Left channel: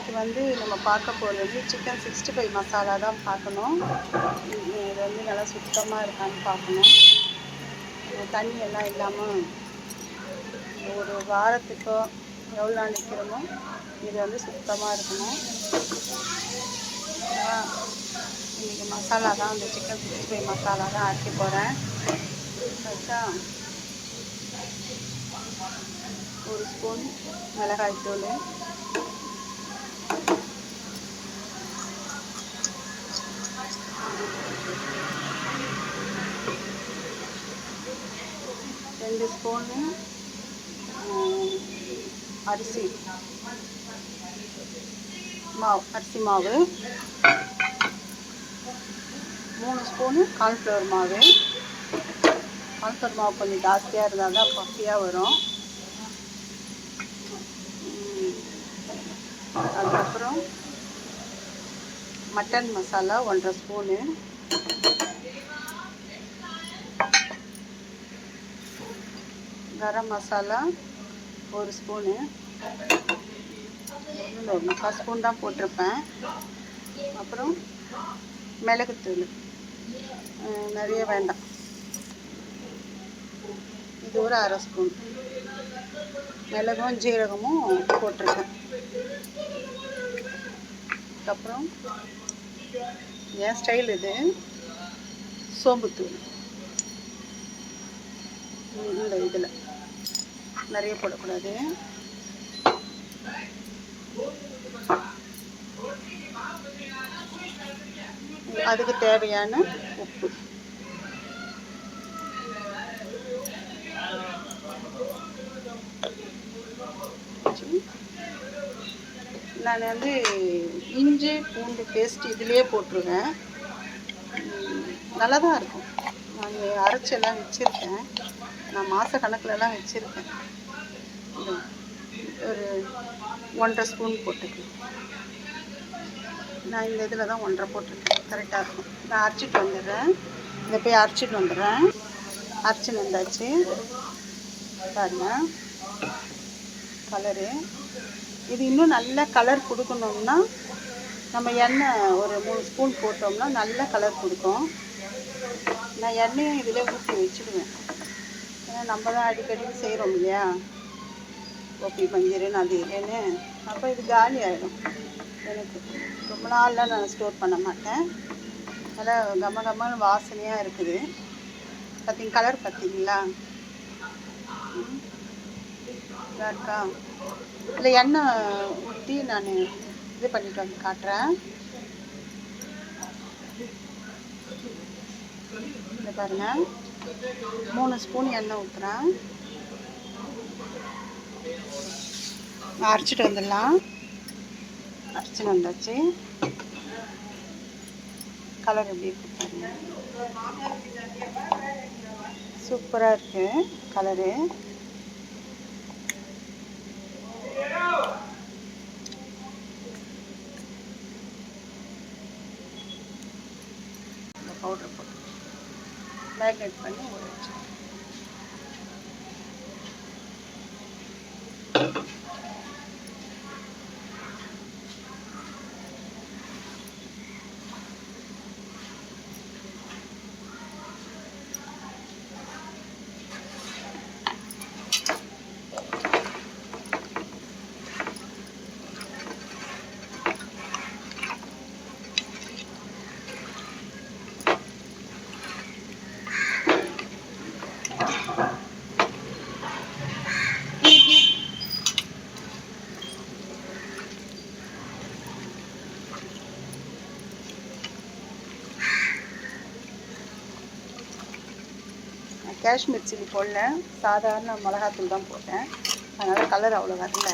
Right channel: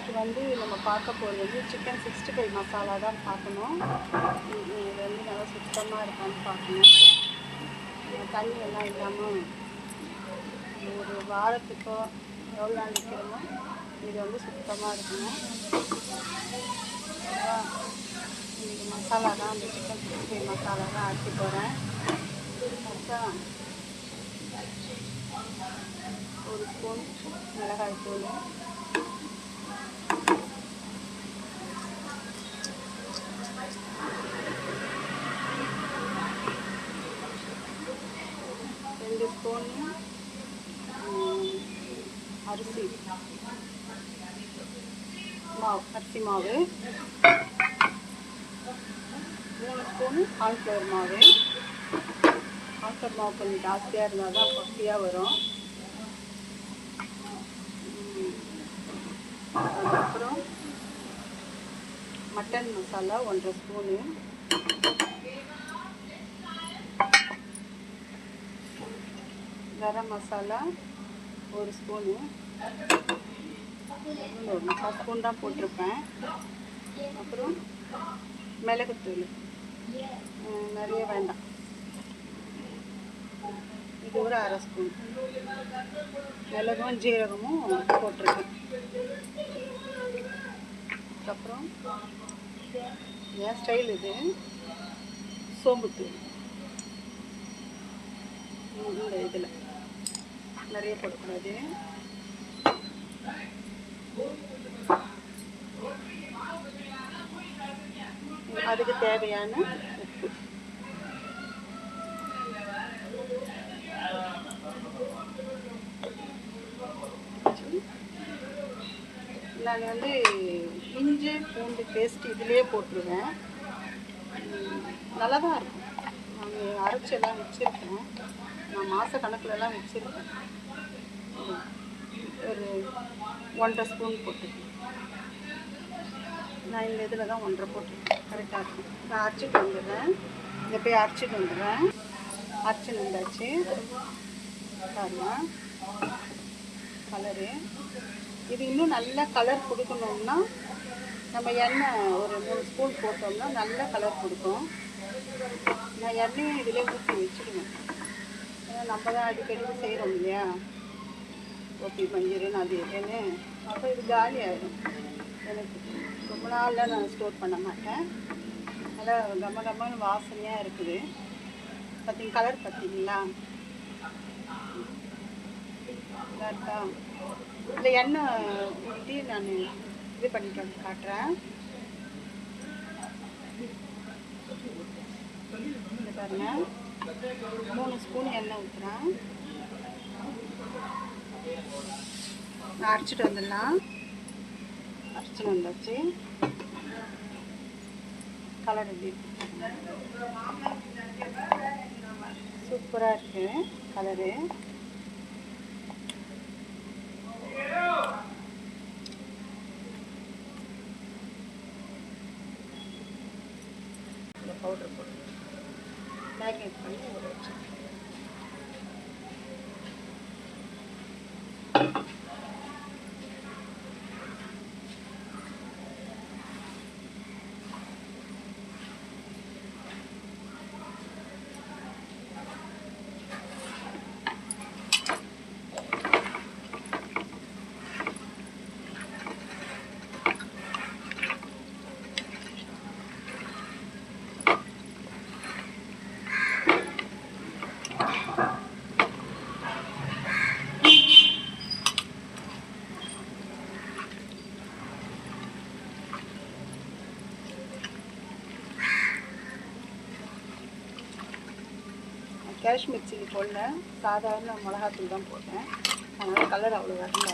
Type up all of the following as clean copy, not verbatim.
இன்றைக்கி வந்து நம்ம பார்க்க போகிறது வந்து சிக்கன் 65 மசாலா தான் பார்க்கணும். இது வந்து நல்லா சுத்தமாக இருக்கான்னு பார்க்கணும். தண்ணி எல்லாம் இல்லாமல் ஒரு வாரத்துக்கோ எவ்வளோ நாள் நிற்கிறோமோ இது வந்து சுத்தமாக இருக்கணும். இன்றைக்கி மசாலா தான், அந்த சிக்கன் 65 மசாலா தான் அரைக்க போகிறேன். வச்சா 1 ஸ்பூன் மிளகாய்த்தூள், 2 ஸ்பூனு அரிசி மாவு, 3 ஸ்பூனு கார்ன்ஃப்ளவர் மாவு. கார்ன்ஃப்ளவர் மாவு கொஞ்சம் ஜாஸ்தியாக இருந்தால் தான் பஃபியாக வரும். அதுக்கப்புறம் mutton masala 1.5 spoon, garam masala 1 spoon, 4 spoon தான் போட்டிருப்பேன். அப்புறம் மிளகுத்தூள் நிறைய வேண்டாம், இது ஒரு 1/2 ஸ்பூன். மிளகும் ஜீரகமும் போட்டிருக்கேன். அதுக்கப்புறம் என் ஸ்டைல் இது சோம்புத்தூள். இந்த இதில் நிறைய போடக்கூடாது. அதுக்கு தேவையான உப்பு. நான் வந்து இஞ்சி பூண்டு பேஸ்ட் இதிலே போட்டுருவேன். நல்லா தான் இருக்கும். நான் அரைச்செல்லாம் வச்சுருக்கேன். நான் மாத கணக்கிலலாம் வச்சுருக்கேன். ஒரு 1.5 ஸ்பூன் போட்டுக்கேன். நான் இந்த இதில் தான் 1.5 போட்டிருக்கேன். கரெக்டாக இருக்கும். நான் அரைச்சிட்டு வந்துடுறேன். இதை போய் அரைச்சிட்டு வந்துடுறேன். அரைச்சின்னு வந்தாச்சு பாருங்க. கலரு இது இன்னும் நல்ல கலர் கொடுக்கணும்னா நம்ம எண்ணெய் ஒரு 3 ஸ்பூன் போட்டோம்னா நல்ல கலர் கொடுக்கும். நான் எண்ணெயை இதில் ஊற்றி வச்சுடுவேன். ஏன்னா நம்ம தான் அடிக்கடி செய்கிறோம் இல்லையா, ஓப்பி மஞ்சள்னு அது இல்லைன்னு. அப்போ இது காலி ஆகிடும். எனக்கு ரொம்ப நாள்லாம் நான் ஸ்டோர் பண்ண மாட்டேன். நல்லா கம்ம கம்மன்னு வாசனையாக இருக்குது. கலர் பார்த்தீங்களா இருக்கா? இல்லை எண்ணெய் ஊற்றி நான் இது பண்ணிட்டு வந்து காட்டுறேன். இதை பாருங்கள், 3 ஸ்பூன் எண்ணெய் ஊற்றுறேன். அரைச்சிட்டு வந்துடலாம். அரைச்சிட்டு வந்தாச்சு. கலர் எப்படி இருக்கு பாருங்க, சூப்பராக இருக்கு கலரு. பவுடர் போட்டு மேக்னேட் பண்ணி வச்சு காஷ்மீர் சில்லி போடல, சாதாரண மிளகாத்தூள் தான் போட்டேன். அதனால் கலர் அவ்வளோ வரல.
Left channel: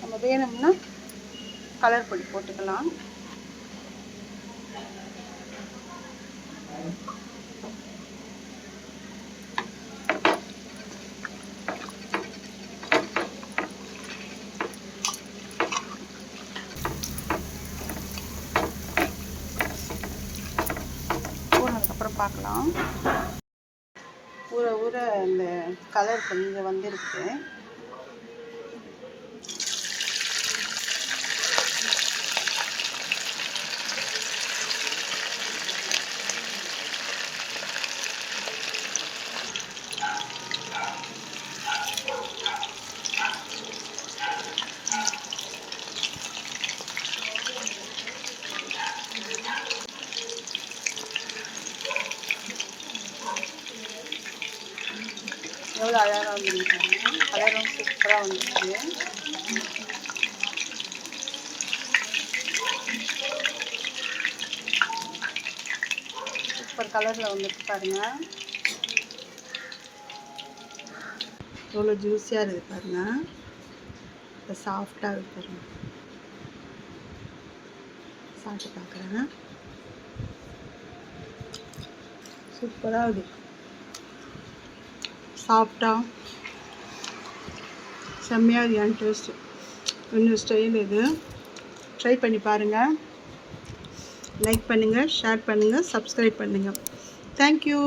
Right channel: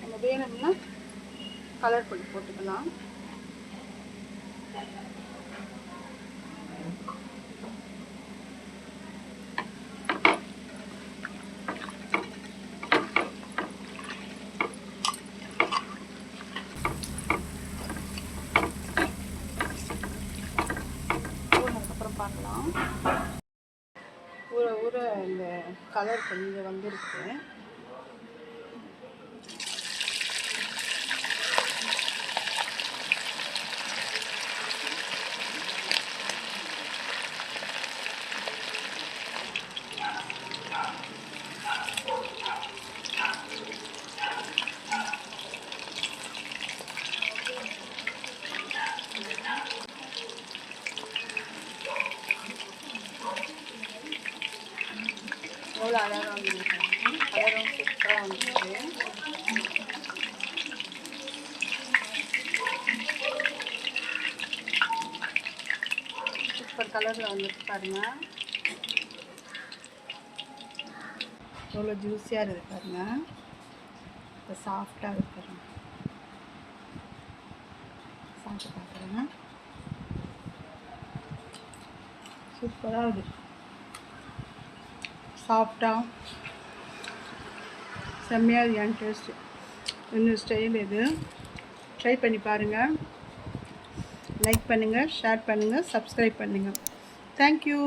நம்ம வேணும்னா கலர் பொடி போட்டுக்கலாம். போனதுக்கப்புறம் பார்க்கலாம். ஊற அந்த கலர் கொஞ்சம் வந்துருக்கு. கலரும் சூப்பராக வந்துச்சு. சூப்பர் கலரில் வந்துட்டு பாருங்கள். எவ்வளோ ஜூஸியாக இருக்குது பாருங்கள். இப்போ சாஃப்டாக இருக்குது பாருங்கள். சாப்பிட்டு பார்க்குறேன். சூப்பராக இருக்குது. சாஃப்டாக செம்மையாக இருக்குது. என் டேஸ்ட்டு இன்னும் ஸ்டைல் இது. ட்ரை பண்ணி பாருங்கள். லைக் பண்ணுங்கள், ஷேர் பண்ணுங்கள், சப்ஸ்கிரைப் பண்ணுங்கள். தேங்க்யூ.